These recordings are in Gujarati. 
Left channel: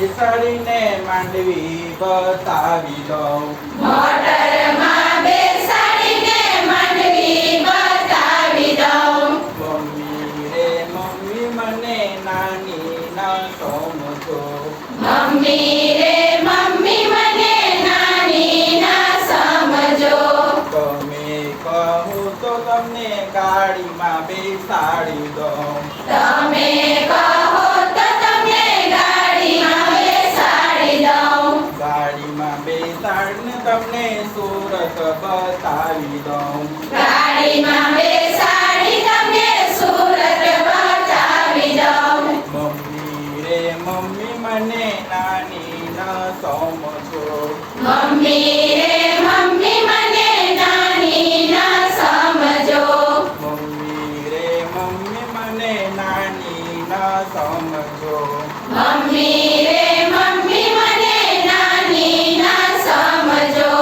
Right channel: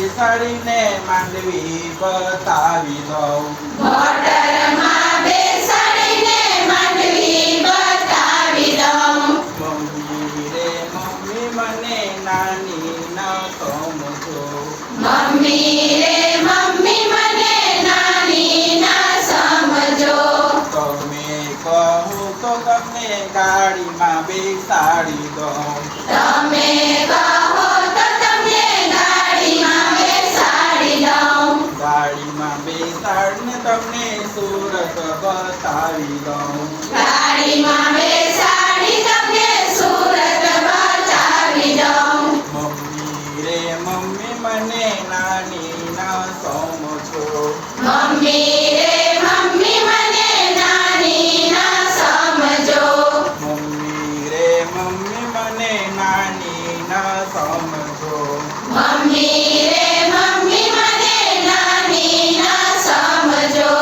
બેસાડીને માંડવી બતાવી દઉં. મોટરમાં બેસાડીને માંડવી બતાવી દઉં. મમ્મી રે મમ્મી મને નાની ન સમજો. મમ્મી રે મમ્મી મને નાની ના સમજો. તમે કહું તો તમને ગાડીમાં બેસાડી દઉં. તમે કહો તો તમને ગાડીમાં બેસાડી દઉં. ગાડીમાં બેસાડીને તમને સુરત બતાવી દઉં. ગાડીમાં બેસાડી તમને સુરત બતાવી દઉં. મમ્મી રે મમ્મી મને નાની ન સમજો. મમ્મી રે મમ્મી મને નાની ના સમજો. મમ્મી રે મમ્મી મને નાની ન સમજો. મમ્મી રે મમ્મી મને નાની ના સમજો.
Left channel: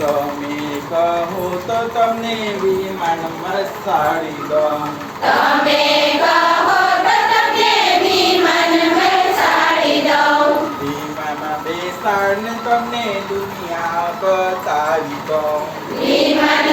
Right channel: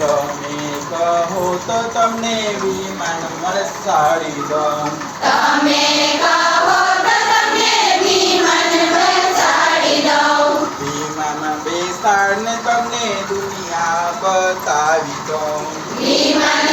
તમે કહો તો તમને વિમાન બેસાડી દઉં. તમે કહો તો તમને વિમાન બેસાડી દઉં. વિમાનમાં બેસાડીને તમને દુનિયા બતાવી દઉં. વિમાન